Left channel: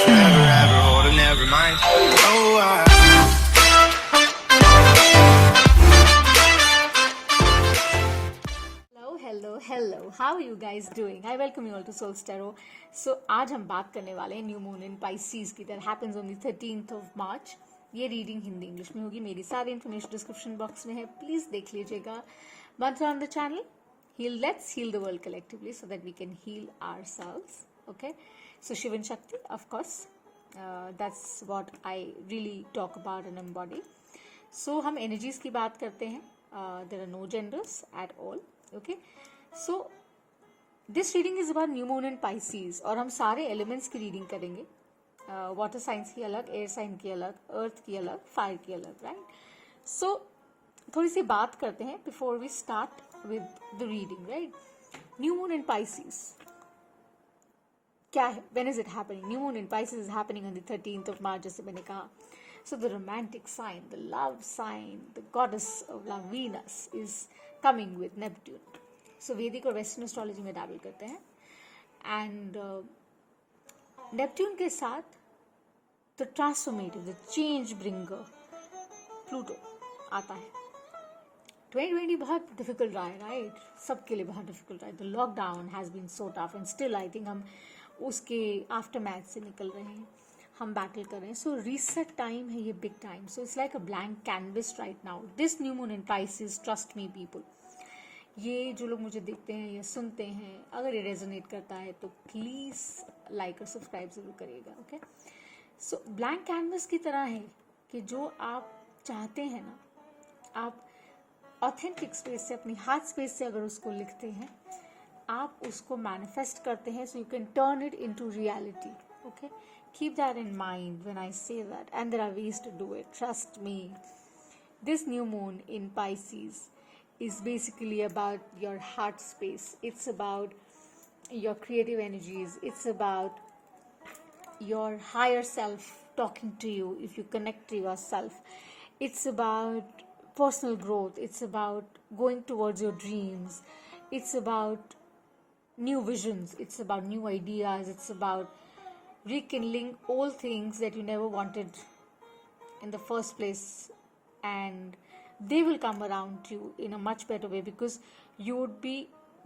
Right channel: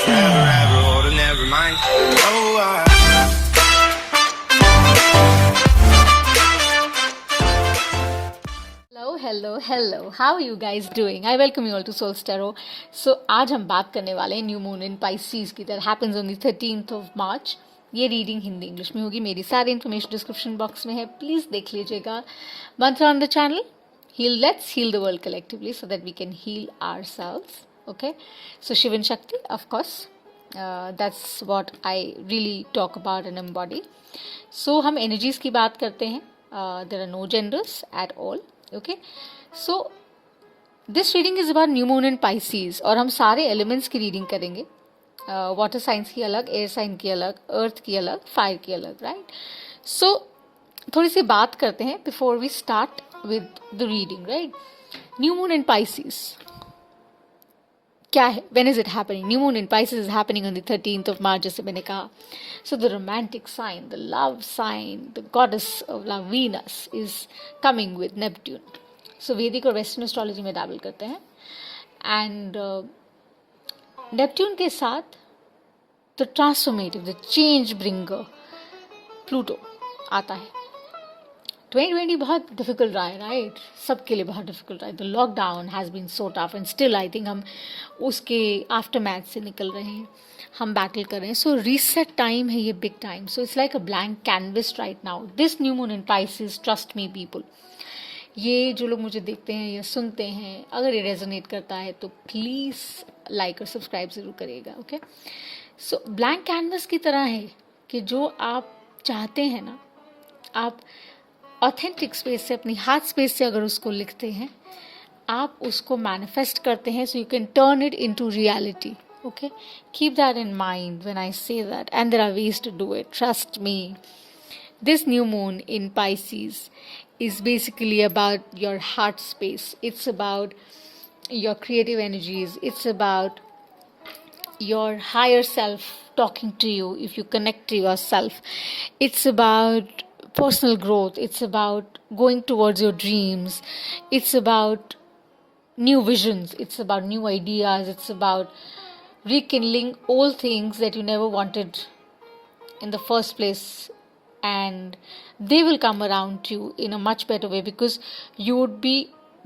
forever, ever hold a never mind. Oh, Hello. How are you guys doing? I welcome you all to Soul Tarot. So आज हम बात करने वाले हैं new moon इन पाइसीज की that happens on the 13th of March. ये रीडिंग हिंदी इंग्लिश में होगी. मेरी सारी इन्फॉर्मेशन डिस्क्रिप्शन बॉक्स में है. प्लीज़ देख लीजिएगा. मंत्र on the channel. Let's heal the world collectively so that we can heal ourselves. Okay. So Shiv and Shakti, of course. That's what I really talk about and embody. So हम energies की बात करते हैं. There are no genders at all. Okay. So this reading is about new moon in Pisces और हम सारे elements की reading करेंगे. वाटर साइंस की अलग, एयर साइन की अलग, अर्थ की अलग, फायर की अलग, राइट. सो थोड़ी सी बात करते हैं before we start with the reading, right. New moon in Pisces क्या है? When is it happening? New moon in Pisces is happening on the 13th of March, जैसे मैंने कहा. So the romantic sign, the love sign, the goddess of love Venus is coming with Neptune. So Vedic और western astrology में डैबल करते हैं. And Neptune के साथ the transformative, the change bringer Pluto आता है. 2020 बहुत डिफिकल्ट रहा है, राइट. सबके लिए बहुत डिफिकल्ट रहा है. The lockdown has been so tough and still I think हम उसके आफ्टर मैथ से निकल रहे हैं. हम बैटल कर रहे हैं. सो रीसेट टाइम है ये, big time. So it's like a blank canvas right now. This new moon in Pisces, trust me people, ये जो लोग मुझे देखते हैं या सुनते हैं, अगर ये रेजोनेट करता है तो प्लीज़ लाइक और सब्सक्राइब ज़रूर करिएगा. ओके. सो ब्लैंक कैनवस की तरह है कि जो आप चाहते हैं ना, आप ऑथेंटिक स्पेस से, अपनी हार्ट स्पेस से अगर उसको लिखते हैं, आप उसको मैनिफेस्ट करते हैं. So you can turn it into reality. Okay. Keep that in mind when I say that, and there are ways to do it. Trust me. This new moon in Pisces is basically about your heart space. It's about your creative energies. It's about your higher self talking to you if you connect to yourself. It's about personal growth. It's about going towards your dreams. It's about new visions. It's about new ideas. It's about rekindling old things that you never wanted in the first place, and they will come around to you in a much better way because you would be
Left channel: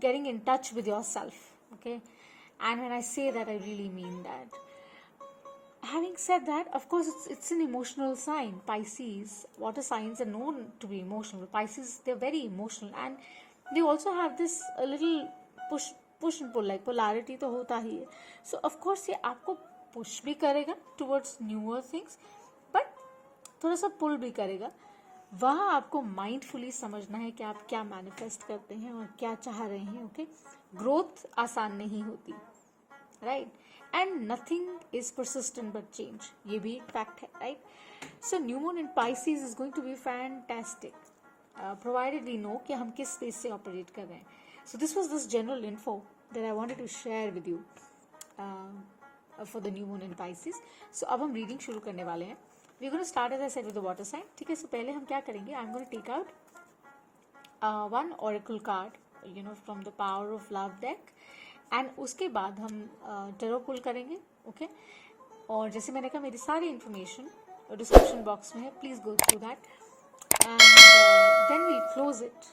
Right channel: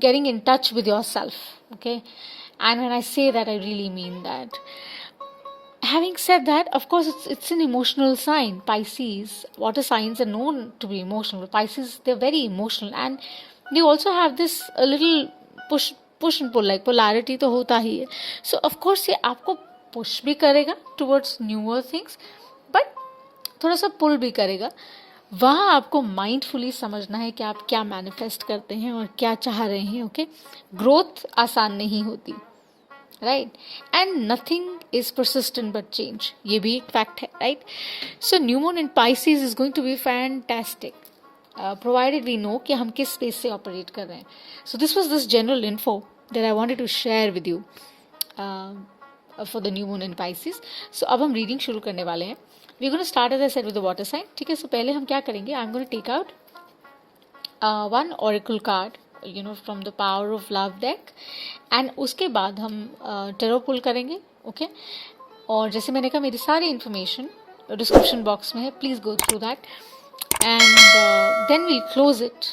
getting in touch with yourself. Okay. And when I say that, I really mean that. Having said that, of course it's an emotional sign. Pisces, water signs are known to be emotional. Pisces, they're very emotional, and they also have this a little push and pull, like polarity तो होता ही है. So of course ये आपको push भी करेगा towards newer things, but थोड़ा सा पुल भी करेगा. वहाँ आपको माइंडफुली समझना है कि आप क्या मैनिफेस्ट करते हैं और क्या चाह रहे हैं. ओके. ग्रोथ आसान नहीं होती, right. And nothing is persistent but change, ये भी एक फैक्ट है, right. So new moon in Pisces is going to be fantastic provided we know कि हम किस स्पेस से ऑपरेट कर रहे हैं. So this was this general info that I wanted to share with you for the new moon in Pisces. So अब हम रीडिंग शुरू करने वाले हैं. We're going to start, as I said, with the water sign. ठीक है. सो पहले हम क्या करेंगे, I'm going to take out one oracle card, from the power of love deck, and उसके बाद हम tarot pull करेंगे. ओके. और जैसे मैंने कहा, मेरी सारी इन्फॉर्मेशन डिस्क्रिप्शन बॉक्स में है. Please go through that, and then we close it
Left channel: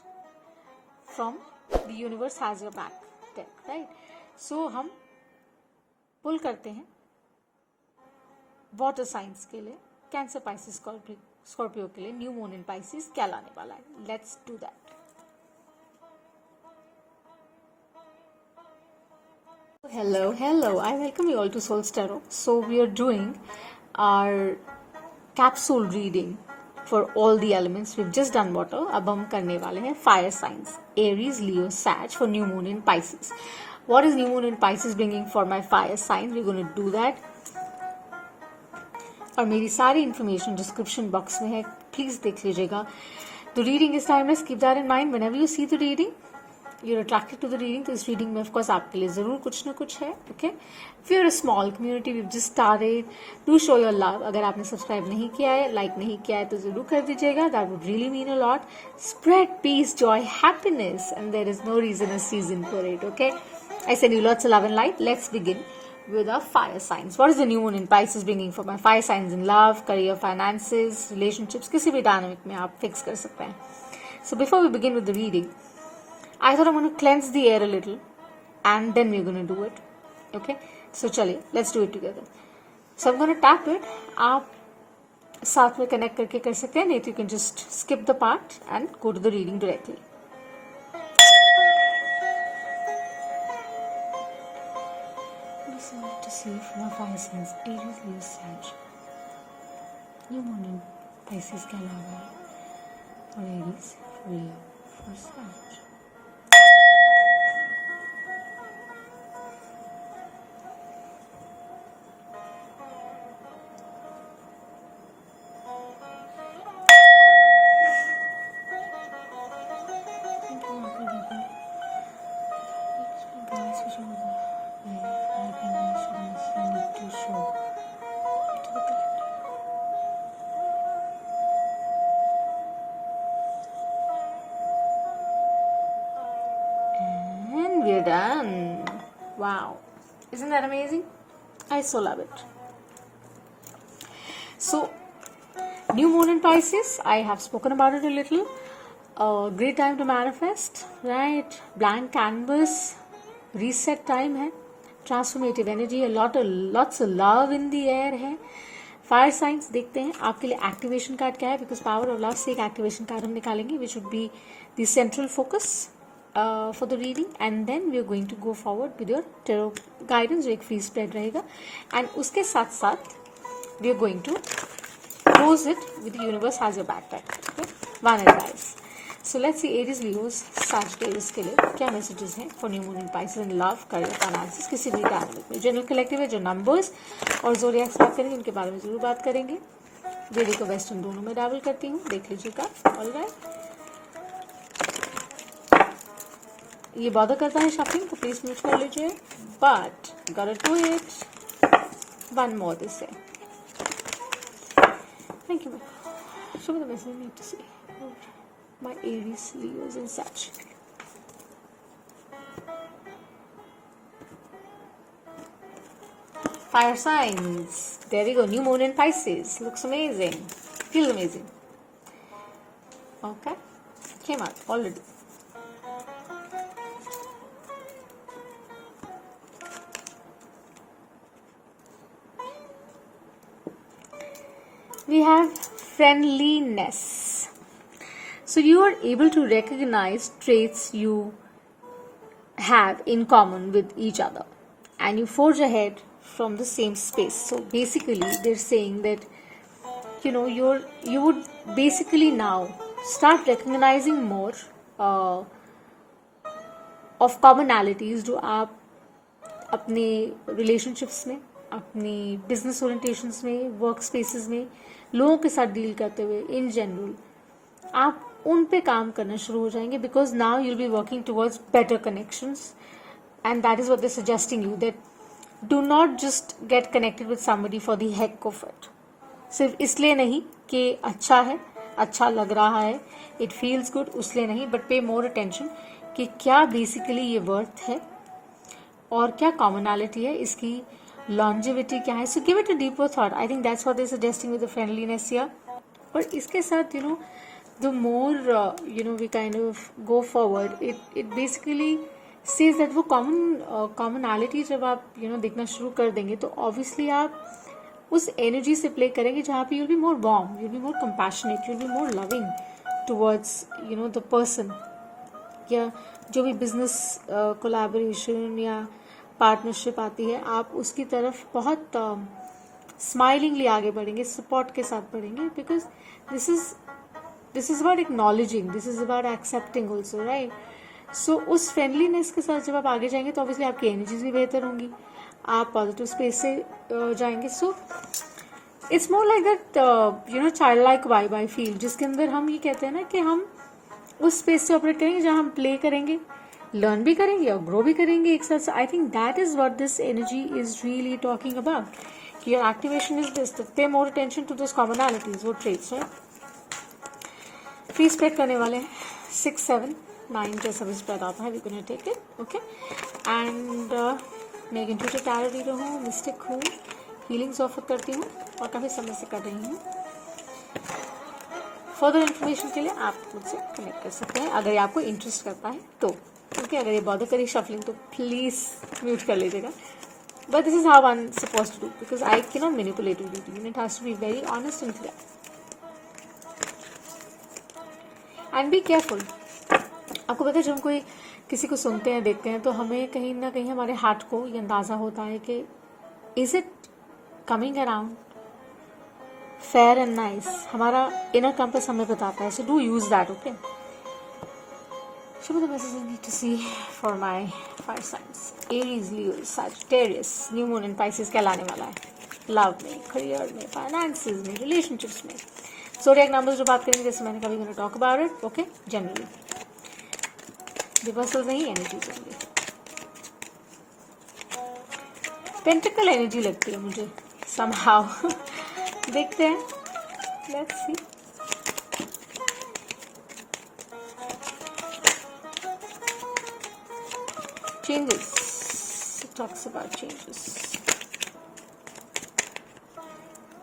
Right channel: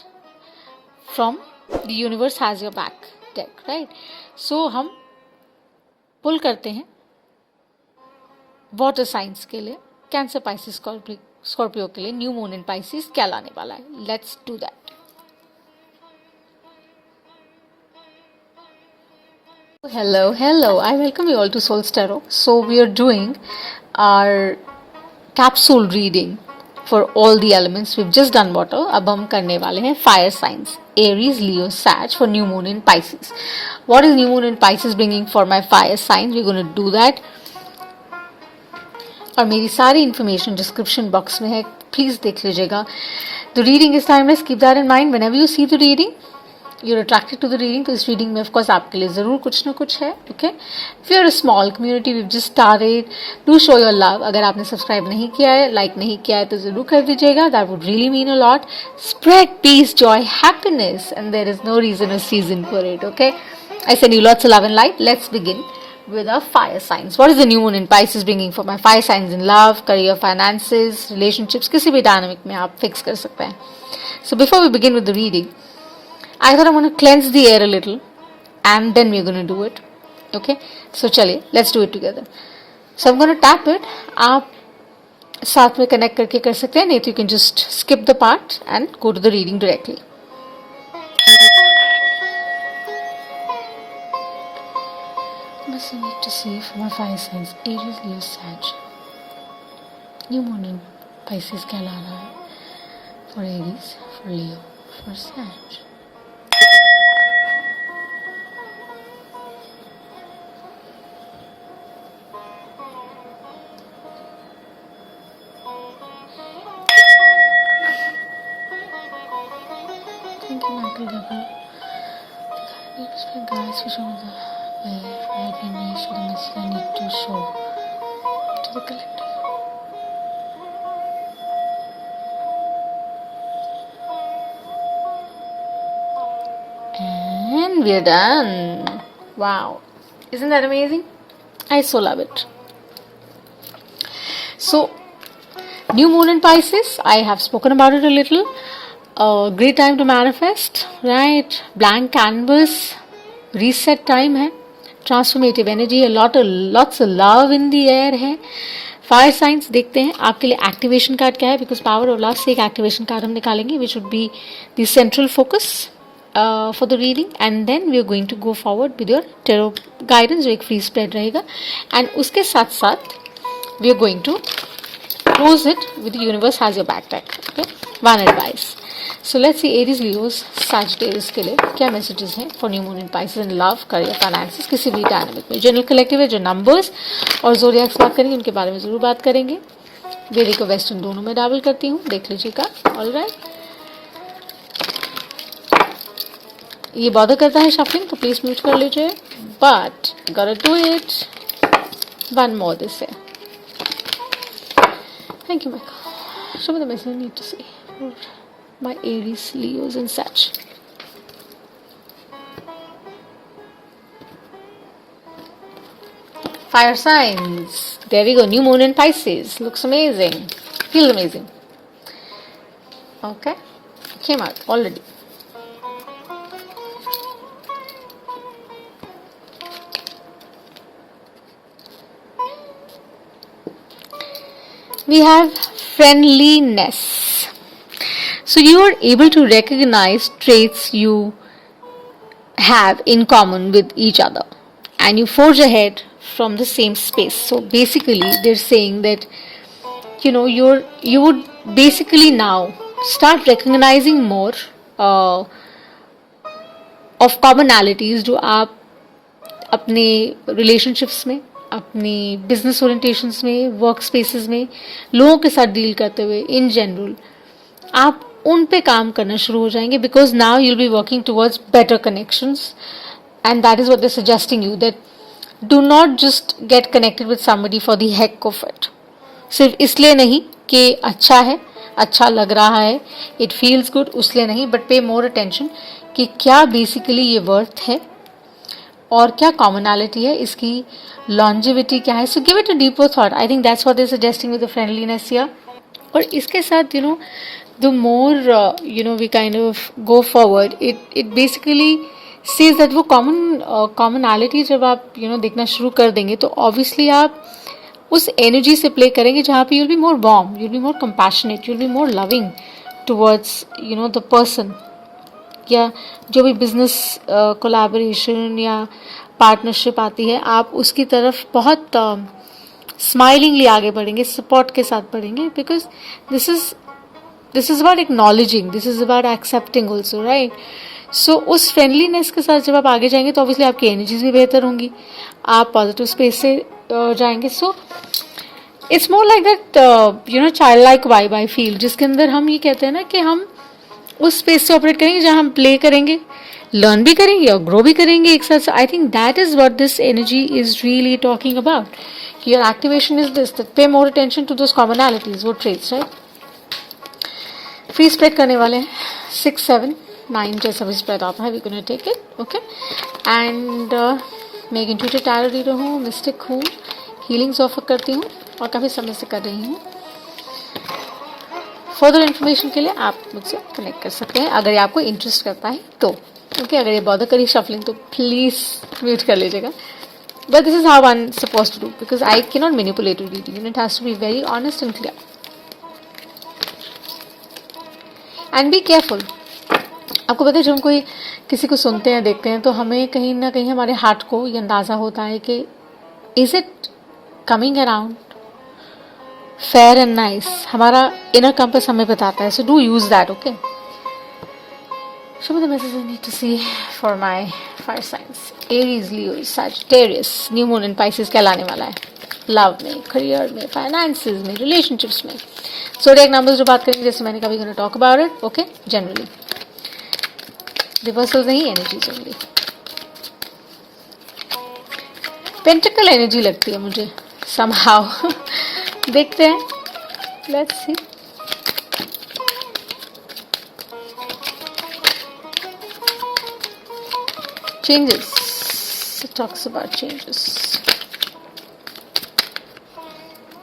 from the universe has your back deck, right. So हम पुल करते हैं वाटर साइंस के लिए. कैंसर, पाइसेस, स्कॉर्पियो के लिए न्यू मून इन पाइसेस क्या लाने वाला है. Let's do that. Hello. I welcome you all to Soul Tarot. So we are doing our capsule reading for all the elements. We've just done water. अब हम करने वाले हैं fire signs, Aries, Leo, Sag for new moon in Pisces. What is new moon in Pisces bringing for my fire signs? We're going to do that. और मेरी सारी information description box में है. प्लीज़ देख लीजिएगा. The reading is timeless. Keep that in mind whenever you see the reading, you are attracted to the reading. तो इस रीडिंग में ऑफकोर्स आपके लिए ज़रूर कुछ ना कुछ है. Okay. If you are a small community, we just started, do show your love. अगर आपने सब्सक्राइब नहीं किया है, लाइक नहीं किया है, तो ज़रूर कर दीजिएगा. That would really mean a lot. Spread peace, joy, happiness, and there is no reason or season for it. Okay. I send you lots of love and light. Let's begin with our fire signs. What is the new moon in Pisces bringing for my fire signs in love, career, finances, relationships? किसी भी dynamic में आप fix कर सकते हैं. So before we begin with the reading, I thought I'm going to cleanse the air a little and then we're going to do it. Okay? So चलिए, let's do it together. So I'm going to tap it. आप साथ में connect करके कर सकते हैं, नहीं तो you can just skip the part and go to the reading directly. I need to see for my fire signs Aries, Leo, Sag. New moon in Pisces क्या ला रहा है for Aries, for Leo, for Sag. Thank you, Michael Double. Guys, for showing the way for helping me show the message I need to show to the collective. And we're done. Wow. Isn't that amazing? I so love it. So, new moon in Pisces. I have spoken about it a little. Great time to manifest, right? Blank canvas. Reset time है. Transformative energy है. Lots of love in the air है. Fire science देखते हैं आपके लिए activation card क्या है, because power of love से एक एक्टिवेशन कार्ड हम निकालेंगे which would be the central focus for the reading, and then we are going to go forward with your tarot guidance जो एक फ्री स्प्रेड रहेगा, and उसके साथ साथ we are going to close it with universe has your backpack. Okay, one advice. So let's see Aries, Leos, Sagittarius के लिए क्या messages हैं for new moon in Pisces in love, career, finances, किसी भी डायनामिक में. जनरल कलेक्टिव है, जो नंबर्स और ज़ोडिएक्स बात करेंगे उनके बारे में ज़रूर बात करेंगे. वेदिक और वेस्टर्न दोनों में डाबल करती हूँ, देख लीजिएगा. ऑलराइट, ये बॉदर करता है शफलिंग तो प्लीज़ म्यूट कर लीजिए, but got do it. One more this है. Thank you Michael. Show me the message I need to see my Aries, Leos and such. Fire signs. There we go. New moon in Pisces. Looks amazing. Feels amazing. Okay. Came out already. We have friendliness. So you are able to recognize traits you have in common with each other, and you forge ahead from the same space. So basically they're saying that you would basically now start recognizing more of commonalities जो आप अपने relationships में, अपनी business orientations में, work spaces में लोगों के साथ डील करते हुए in general आप उन पे काम करना शुरू हो जाएंगे, because now you'll be working towards better connections, and that is what they are suggesting you, that do not just get connected with somebody for the heck of it. सिर्फ इसलिए नहीं कि अच्छा है, अच्छा लग रहा है, इट फील्स गुड, उसलिए नहीं, बट पे मोर अटेंशन कि क्या बेसिकली ये वर्थ है और क्या कॉमनैलिटी है, इसकी लॉन्जिविटी क्या है. So give it a deeper thought. I think that's what they are suggesting with the friendliness here. और इसके साथ the more we kind of go forward, it basically says that वो commonality जब आप देखना शुरू कर देंगे तो obviously आप उस energy से play करेंगे जहाँ पे you'll be more warm, you'll be more compassionate, you'll be more loving towards the person, या जो भी business collaboration या partnership आती है आप उसकी तरफ बहुत smilingly आगे बढ़ेंगे, support के साथ बढ़ेंगे, because this is about acknowledging, this is about accepting also, right? So उस फ्रेंडलीनेस के साथ जब आप आगे जाएंगे तो ऑब्वियसली आपकी एनर्जीज भी बेहतर होंगी, आप पॉजिटिव स्पेस से जाएंगे. So it's more like that child like vibe I feel, जिसके अंदर हम ये कहते हैं ना कि हम उस स्पेस से ऑपरेट करेंगे जहाँ हम प्ले करेंगे, लर्न भी करेंगे और ग्रो भी करेंगे एक साथ. I think that is what this energy is really talking about. Your activation is this, pay more attention to those commonalities, वो ट्रेट्स, राइट. फ्री स्प्रेड करने वाले हैं 6, 7, 9 जैसा भी स्प्रेड आता है, we gonna take it. Okay, and मैं एक इंट्यूटिव टैरो रीडर हूँ, मिस्टिक हूँ, हीलिंग्स ऑफर करती हूँ और काफ़ी समय से कर रही हूँ। फर्दर इन्फॉर्मेशन के लिए आप मुझसे कनेक्ट कर सकते हैं अगर ये आपको इंटरेस्ट करता है तो। ओके, अगर ये बॉदर करी शफलिंग तो प्लीज़ म्यूट कर लीजिएगा। But this is how one suppose to do because I can not manipulate reading and it has to be very honest and clear and be careful. आपको पता है जब हम कोई किसी को सुनते हैं देखते हैं तो हमें कहीं ना कहीं हमारे हार्ट को ये अंदाज़ा होता है कि is it coming around fair and nice. हमारा इनर कंपास हमें बताता है, so do use that. Okay, show me the messages I need to see for my fire signs. Aries, Leo, Sagittarius, New Moon in Pisces क्या लाने वाला है लव में, करियर में, फाइनेंसेस में, रिलेशनशिप्स में। zodiac numbers जो बात करेंगे जैसे मैंने कभी gonna talk about it. Okay, generally reversals नहीं, एनर्जीज ओनली। पेंटिकल एनर्जी लगती है मुझे somehow देखते हैं, let's see. Changes. It talks about changes.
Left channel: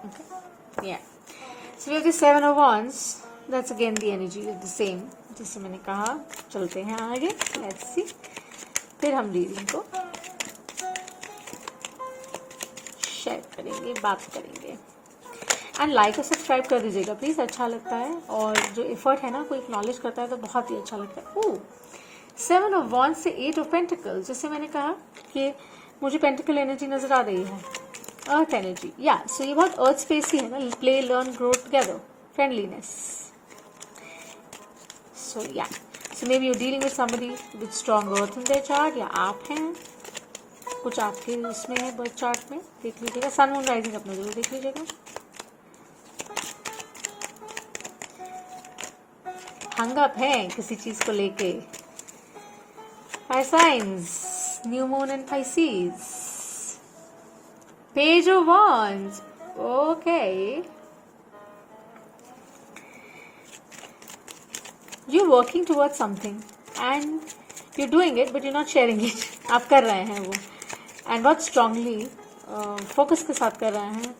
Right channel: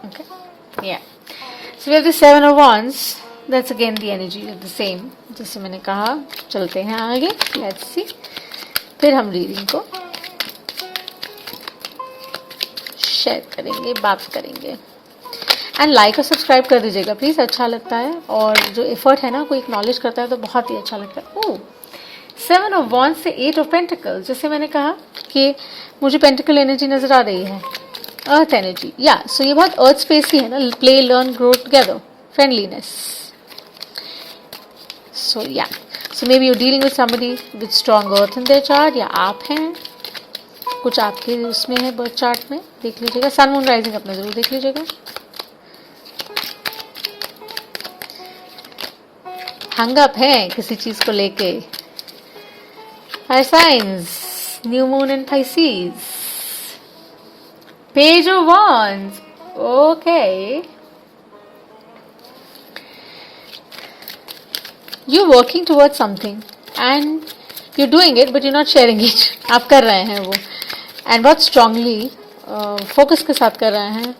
Okay. Yeah. So we have the Seven of Wands. That's again the energy of the same. जैसे मैंने कहा, चलते हैं आगे. Let's see. फिर हम रीडिंग को शेयर करेंगे, बात करेंगे. एंड लाइक और सब्सक्राइब कर दीजिएगा प्लीज़, अच्छा लगता है और जो एफर्ट है ना कोई एक्नॉलेज करता है तो बहुत ही अच्छा लगता है. ओह, 7 ऑफ वॉन्ड्स से 8 ऑफ पेंटिकल्स. जैसे मैंने कहा कि मुझे पेंटिकल एनर्जी नज़र आ रही है, अर्थ एनर्जी. या सो ये बहुत अर्थ स्पेस ही है ना, play, learn, grow together, friendliness. So या so maybe you dealing with somebody with strong earth in their chart, या आप हैं, कुछ आपके उसमें है बर्थ चार्ट में. देख लीजिएगा, सन मून राइजिंग अपना जरूर देख लीजिएगा. हंग अप है किसी चीज़ को लेके. Fire signs, New Moon in Pisces, Page of Wands. Okay, you're working towards something and you're doing it, but you're not sharing it. आप कर रहे हैं वो, and बहुत strongly focus के साथ कर रहे हैं,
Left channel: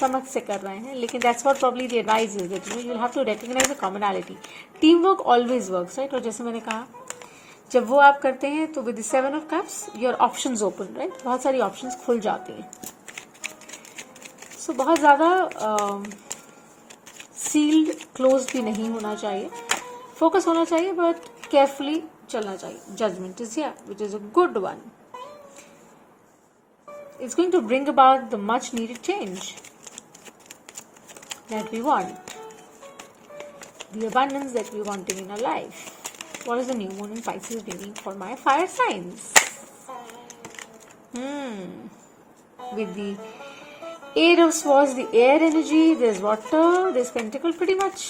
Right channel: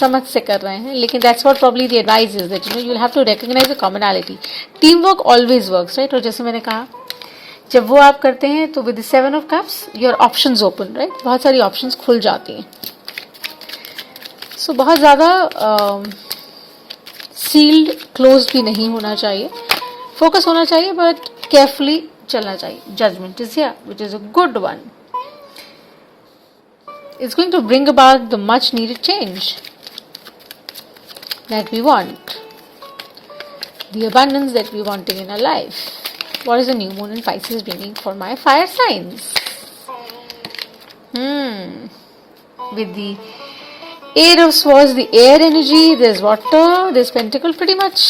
समझ से कर रहे हैं. लेकिन that's what probably the advice is that you'll have to recognize the commonality. Teamwork always works, right? और जैसे मैंने कहा, जब वो आप करते हैं तो विद 7 of cups your options open, right. बहुत सारी ऑप्शंस खुल जाती हैं. सो बहुत ज़्यादा सील्ड क्लोज्ड भी नहीं होना चाहिए, फोकस होना चाहिए, बट केयरफुली चलना चाहिए. Judgement is here which is a good one. It's going to bring about the much needed change that we want, the abundance that we wanting in our life. What is the new moon in Pisces bringing for my fire signs? With the 8 of Swords, the air energy, there's water, there's pentacle, pretty much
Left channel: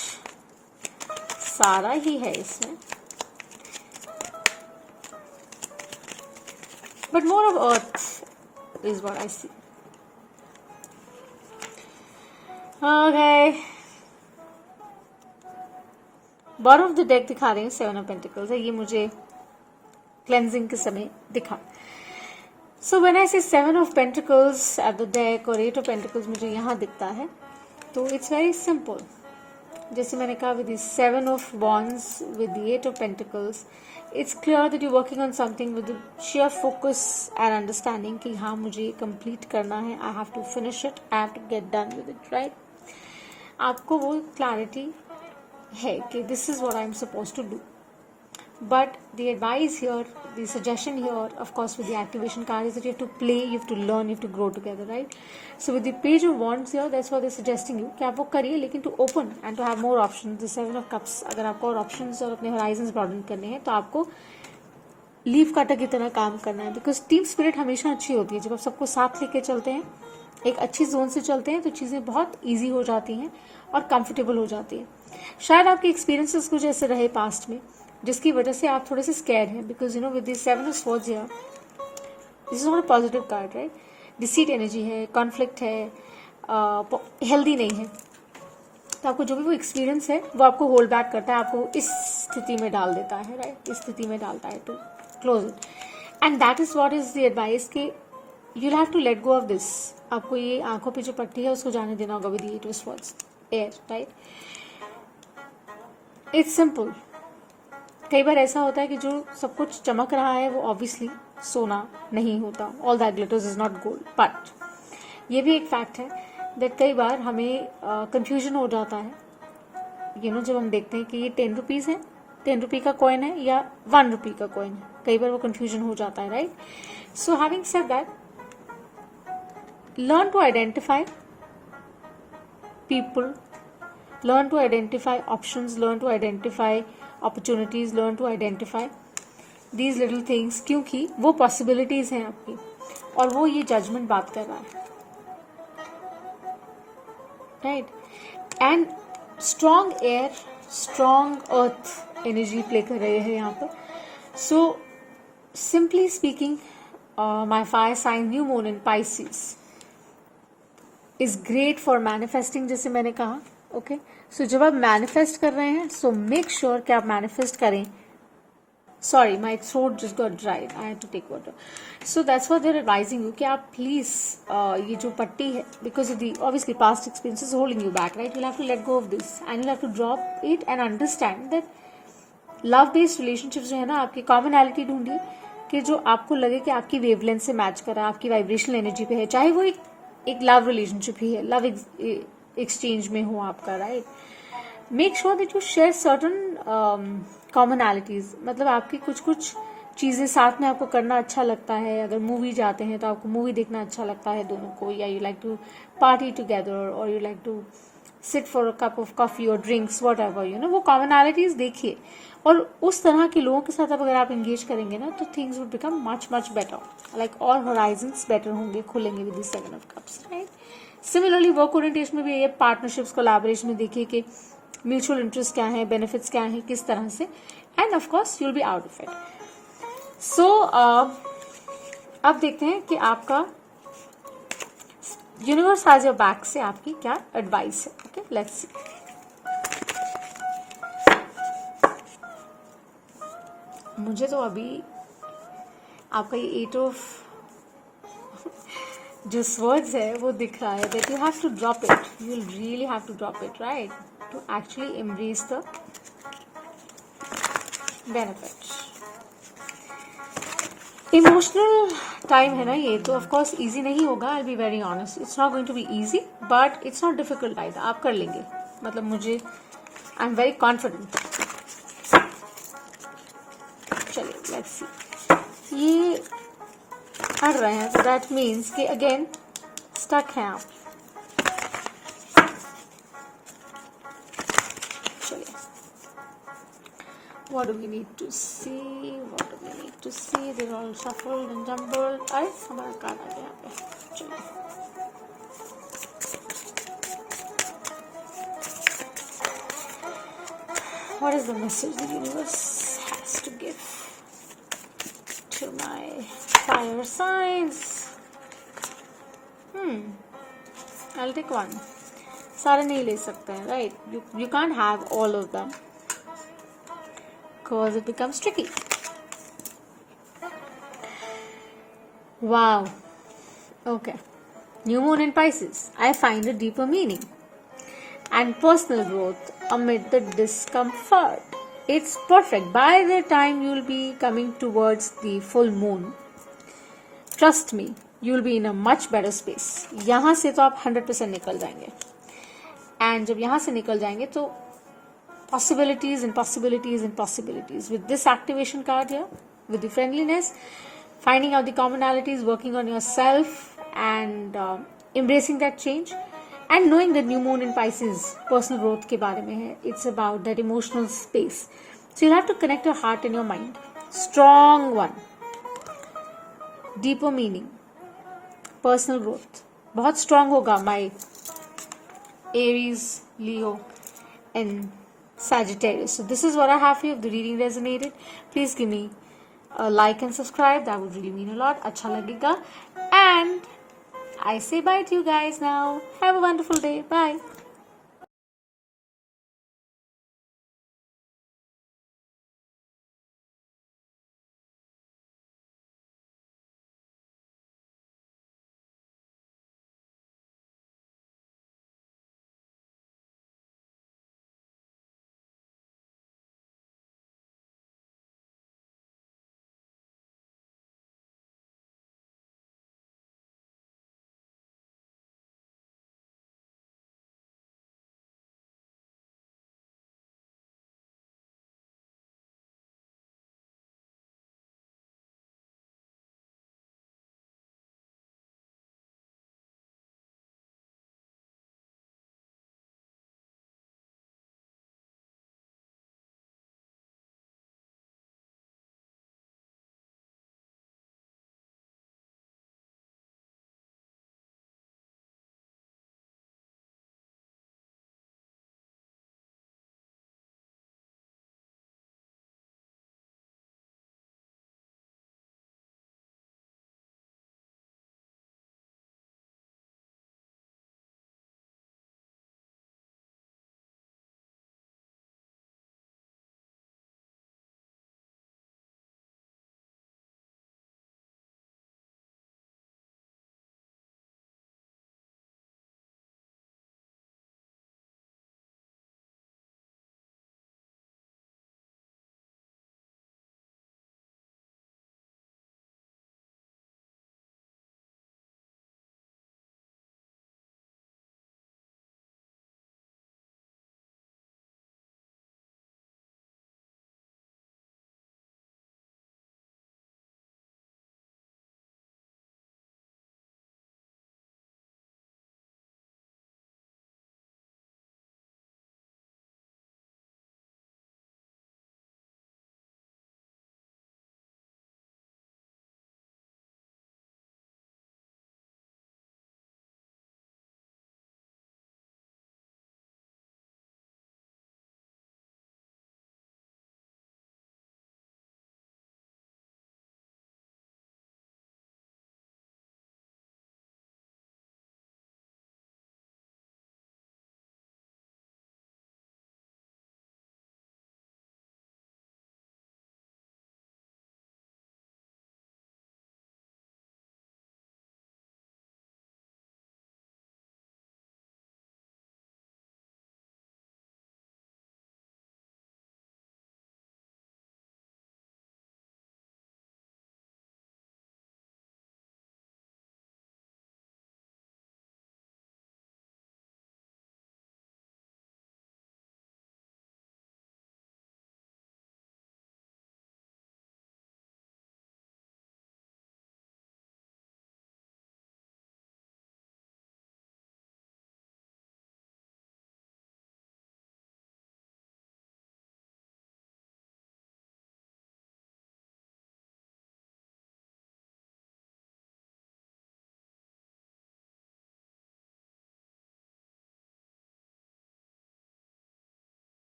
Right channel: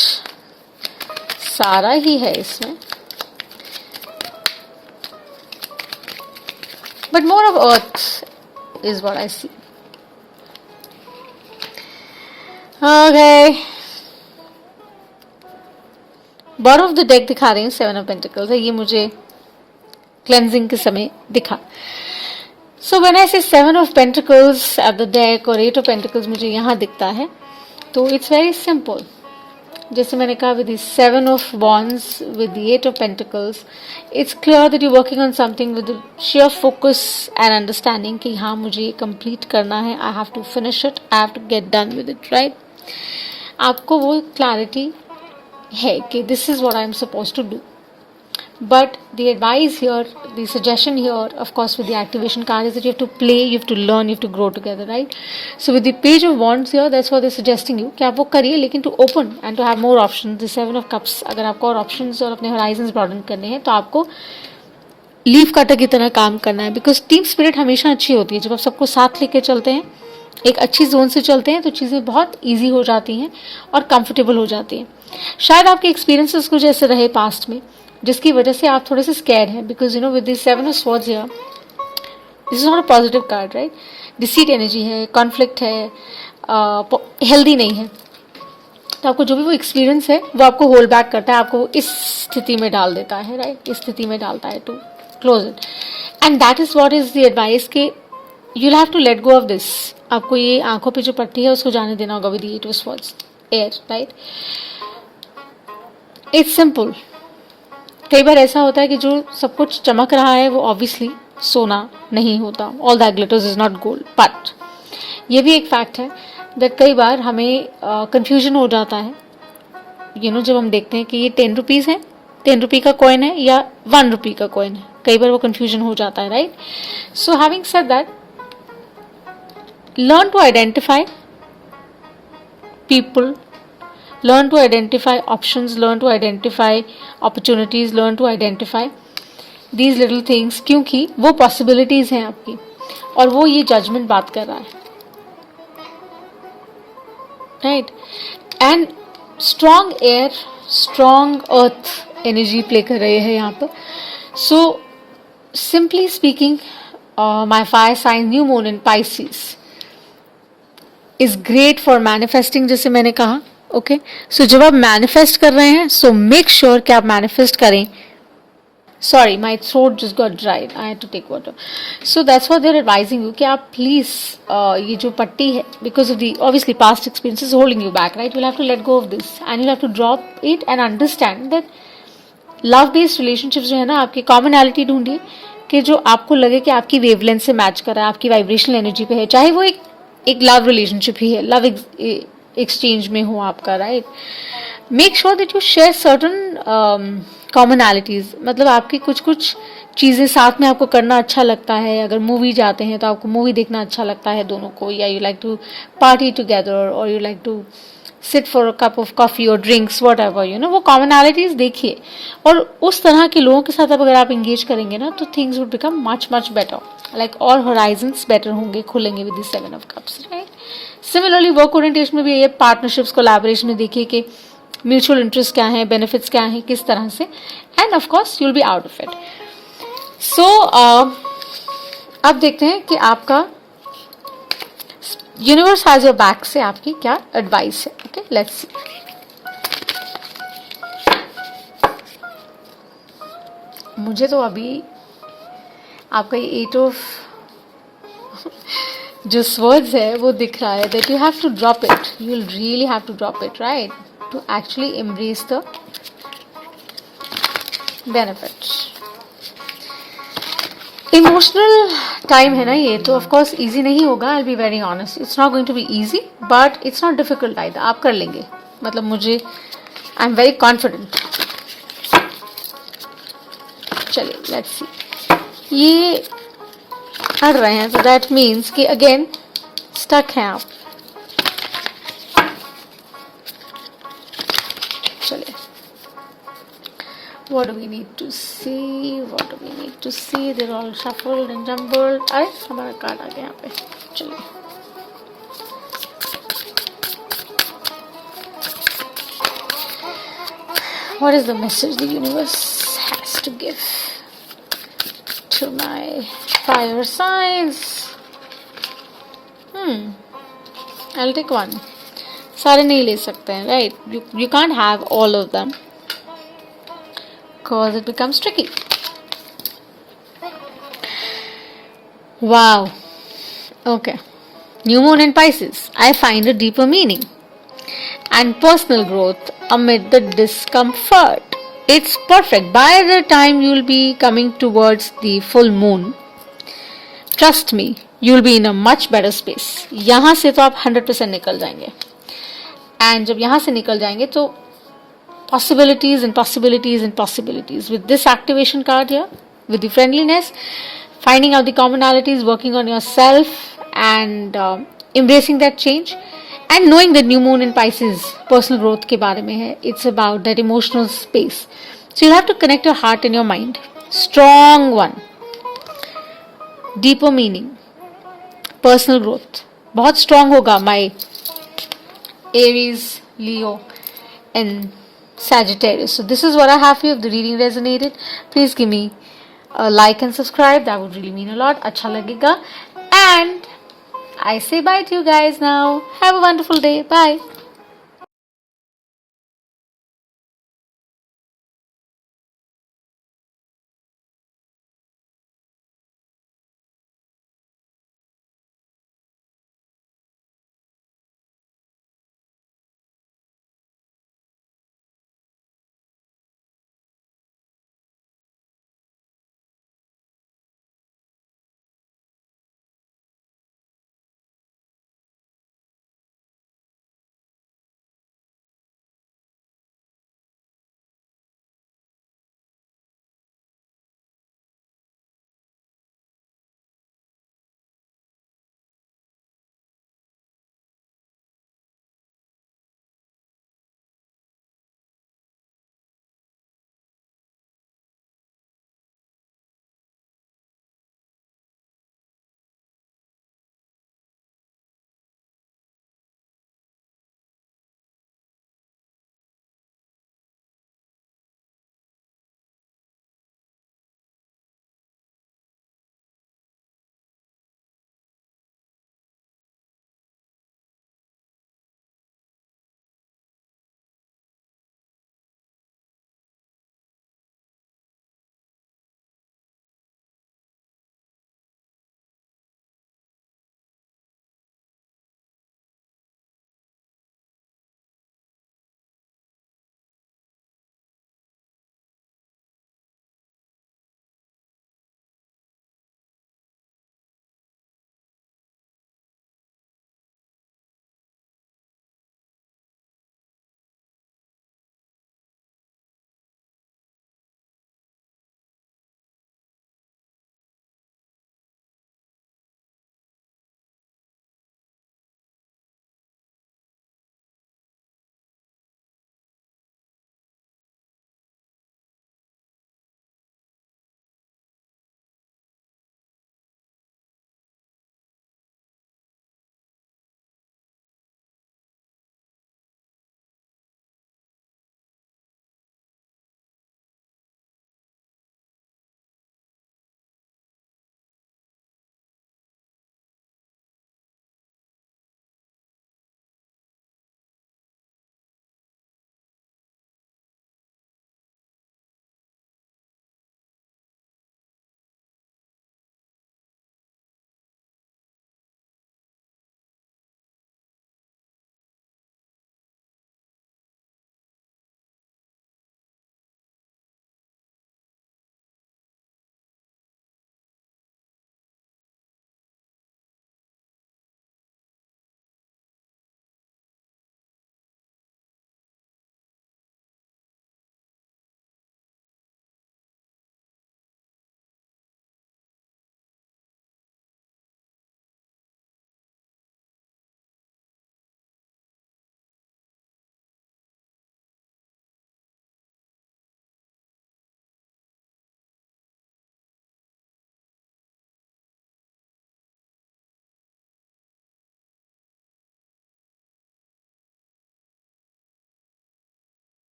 सारा ही है इसमें. But more of earth is what I see. Okay. Bottom of the deck दिखा रही हूँ, 7 of pentacles है. ये मुझे क्लेंजिंग के समय दिखा. सो व्हेन आई से 7 of pentacles at the deck और 8 ऑफ पेंटिकल्स मुझे यहाँ दिखता है, तो इट्स वेरी सिंपल. जैसे मैंने कहा, with the 7 of wands, with the 8 of pentacles, it's clear that you working on something with share focus and understanding कि हाँ मुझे कंप्लीट करना है. I have to finish it, I have to get done with it, right. आपको वो clarity है कि this is what I am suppose to do. But the advice here, the suggestion here, of course with the activation card, is that you have to play, you have to learn, you have to grow together, right. So with the page of wands here, that's what they suggesting you कि आप वो करिए, लेकिन to open and to have more option. The 7 of cups, अगर आपको और ऑप्शंस और अपने होराइजन्स ब्रॉडन करने हैं तो आपको लीफ कटर की तरह काम करना है. बिकॉज टीम स्पिरिट हमेशा अच्छी होती है. जब आप सबको साथ लेके चलते हैं, एक अच्छी जोन से चलते हैं, तो चीज़ें बहुत ईजी हो जाती हैं और कंफर्टेबल हो जाती हैं. शायद आपके एक्सपीरियंसेस कुछ ऐसे रहे पास्ट में जिसकी वजह से आप थोड़े से स्कैर्ड हैं. Because with this 7 of swords here, this is not a positive card, right. Deceit energy है, कॉन्फ्लिक्ट है, हेल्दी नहीं है. तो आपको जो भी वो एक्सपीरियंस है वो आपको होल्ड बैक करता है, आपको इस स्थिति में डाल देता है, राइट. इस स्थिति में डालता है to close it. And that is what is the advice कि you'll have to let go of this. आपको ये आंखों पे जो पट्टी है उसको जाने देना होगा with the 8 of swords air, right? It's simple. कई बार ऐसा होता है कि जो सब कुछ चमक रहा है वो ऑब्वियसली सोना नहीं होता. All that glitters is not gold. But ये भी एक फैक्ट है that कई बार हमें कंफ्यूजन हो जाता है जब हम देखते हैं कि ये 10 रुपीज़ है, 10 रुपये का कॉइन है या 1 रुपये का कॉइन है. कई बार वो कंफ्यूजन हो जाता है, right? So having said that, learn to identify people, learn to identify options, learn to identify opportunities, learn to identify these little things, क्योंकि वो possibilities हैं आपकी और वो ये judgment बात कर रहा है, right? And strong air, strong earth energy play कर रहे हैं यहाँ पर. So simply speaking, my fire sign new moon in Pisces is great for manifesting, जैसे मैंने कहा. ओके, सो जब आप मैनिफेस्ट कर रहे हैं सो मेक श्योर कि आप मैनिफेस्ट करें. Sorry, my throat just got dried, I had to take water. So that's what they are advising you कि आप प्लीज ये जो पट्टी है, because of the obviously past experiences holding you back, right? You have to let go of this and you have to drop it and understand that love based relationships जो है ना, आपकी कॉमनैलिटी ढूंढिए कि जो आपको लगे कि आपकी वेवलेंथ से मैच कर रहा है, आपकी वाइब्रेशनल एनर्जी पे है, चाहे वो एक लव रिलेशनशिप ही है, लव एक्सचेंज में हो आपका, right? Make sure that you share certain commonalities. मतलब आपकी कुछ चीज़ें साथ में आपको करना अच्छा लगता है. अगर मूवी जाते हैं तो आपको मूवी देखना अच्छा लगता है दोनों को, या you like to party together और you like to sit for a cup of coffee और ड्रिंक्स, वॉट एवर, वो कॉमनैलिटीज़ देखिए. और उस तरह के लोगों के साथ अगर आप इंगेज करेंगे ना तो things would become much better, like और होराइजन्स बेटर होंगे, खुलेंगे with the 7 of cups, right? Similarly work orientation में भी ये पार्टनरशिप्स, कोलैबोरेशन में देखिए कि म्यूचुअल इंटरेस्ट क्या है, बेनिफिट्स क्या हैं, किस तरह से, and of course you will be out of it. So अब देखते हैं कि आपका यूनिवर्स हैज योर बैक से आपकी क्या एडवाइस है. Okay, let's see. मुझे तो अभी आपका ये 8 ऑफ जो स्वर्ड्स है वो दिख रहा है, that you have to drop it, you will really have to drop it, right? To actually embrace the benefits. Emotional time है ना ये, तो ऑफ कोर्स इजी नहीं होगा. I will be very honest, it's not going to be easy, but it's not difficult either. आप कर लेंगे, मतलब मुझे, आई एम वेरी कॉन्फिडेंट. चलिए लेट्स सी. ये अड़ रहे हैं तो दैट मीन्स कि अगेन स्टक हैं आप. चलिए, what do we need to see, what do we need to see? They're all shuffled and jumbled. अरे हमारा कार्ड आ गया यहाँ पे. चलिए, what is the message the universe has to give to my fire signs? I'll take one. सारे नहीं ले सकते हैं, right? You can't have all of them because it becomes tricky. Wow. Okay. New moon in Pisces. I find a deeper meaning and personal growth amid the discomfort. It's perfect. By the time you'll be coming towards the full moon, trust me, you'll be in a much better space. यहाँ से तो आप 100% निकल जाएंगे. And जब यहाँ से निकल जाएंगे तो possibilities and possibilities and possibilities. With this activation card here, with the friendliness, finding out the commonalities, working on yourself and embracing that change, and knowing that new moon in Pisces personal growth के बारे में है. It's about that emotional space. So you'll have to connect your heart and your mind. Strong one. Deeper meaning. Personal growth. बहुत strong होगा my Aries, Leo and Sagittarius. So this is what I have for you. If the reading resonated, please give me a like and subscribe. That would really mean a lot. अच्छा लगेगा. And I say bye to you guys now. Have a wonderful day. Bye.